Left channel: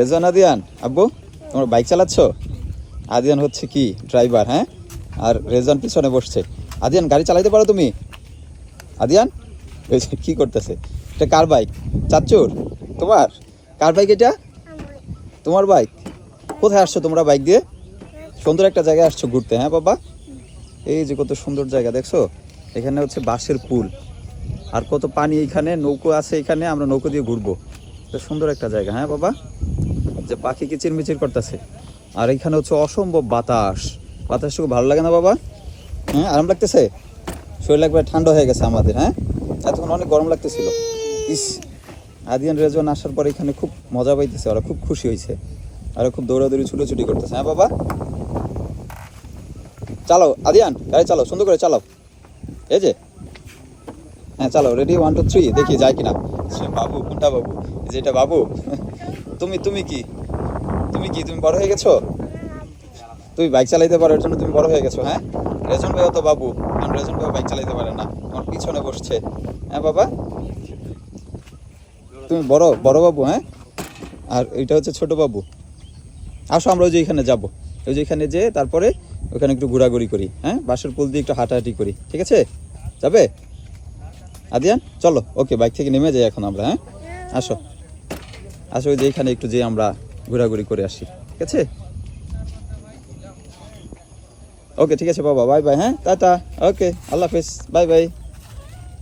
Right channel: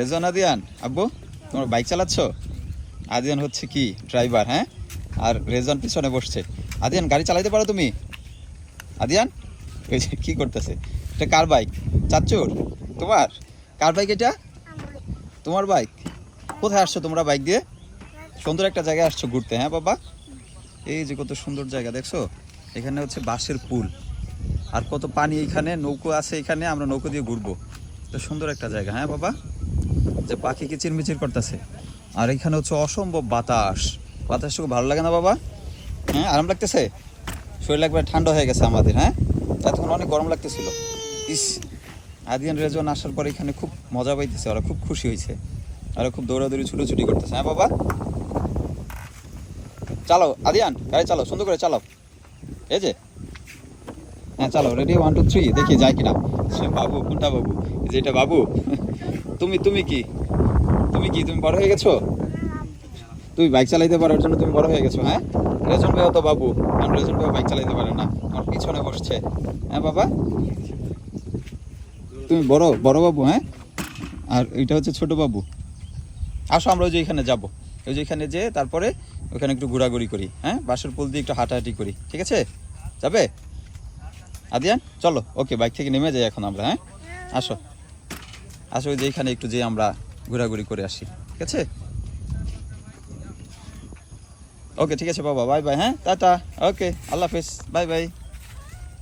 রেজন আদিয়ান, আব্বু তোমার বাইক চালাচ্ছ? আদিয়ান হচ্ছে কি ড্রাইভার, হ্যাঁ, আর রেজন পিছনে বসছে। আদিয়ান গাড়ি চালাইতে পারো তুমি? আদিয়ান ওই যে কি করতেছে, এটা কার বাইক? চাচ্চুর? তোমার? কার বাইক এটা? তোমার বাইক। কোথায় আসছো তোমরা বাইক দিয়ে? সুন্দর একটা জায়গায় আসছো ঘুরতে, হ্যাঁ বাবা? এই যে কত সুন্দর জায়গা দেখছো, এখানে হচ্ছে বাঁশের পুল, আর কত পানি, এখানে নৌকো আছে, এখানে আমরা নৌকো দিয়ে ঘুরবো। এটা সুন্দর একটা জায়গা, হ্যাঁ বাবা? যে পাখি কিচিরমিচির করতেছে, আর এখানে হচ্ছে অসম্ভব বাতাস। বাতাসটুকু ভালো লাগে না বাবা? হ্যাঁ, আরাম লাগতেছে? শরীর একবার ঠান্ডা হয়ে গেছে আমাদের, হ্যাঁ? এতক্ষণ অনেক গরম লাগতেছিল। ইস, আদিয়ান রেজন আসার পর এখানে খুব মজা পাইতেছে, ওরা খুব খুশি হয়েছে, আর খুব দৌড়াদৌড়ি ছুটোছুটি করতেছে, হ্যাঁ বাবা? চালাও আদিয়ান, গাড়ি চালাও, সুন্দর করে চালাও। এই যে, হ্যাঁ চালাও, রেডি 1 2 3, দেখি যায় কিনা। বাবু কোনটা বাবু? যেটা বাবু। তুমি তুমি কি তুমি কি তুমি বড় হয়ে গেছো? তুমি বাইক চালাইতে পারো, এর জন্য তুমি বড় হয়ে গেছো, হ্যাঁ? রেজন ভাইয়া তো বাবু, কারণ রেজন ভাইয়া বাইক চালাইতে পারে না, আমার পিছনে বসছে, হ্যাঁ বাবা? তুমি বড় বড় বাবু, হ্যাঁ, আর এটা হচ্ছে ছোট বাবু। আসো আমরা ওই যে এখানে যাবো, ওই যে এখানে যে তারপরে ওখানে একটু ঘোরাঘুরি করি, হ্যাঁ, বাঁশের পুল দিয়ে একটু হাঁটাহাঁটি করি, ঠিক আছে? যাবে আদিয়ান? চলো, ওকে, বাইক থেকে নেমে যাই এখন আমরা, হ্যাঁ? আসো আসো, ওই যে এখানে একটু যে আমরা ঘোরাঘুরি করে আসি, ঠিক আছে? ওকে, ঠিক আছে বাবা, বাই বাই, হ্যাঁ, টাটা, ওকে, আল্লাহ হাফেজ, বাই বাই।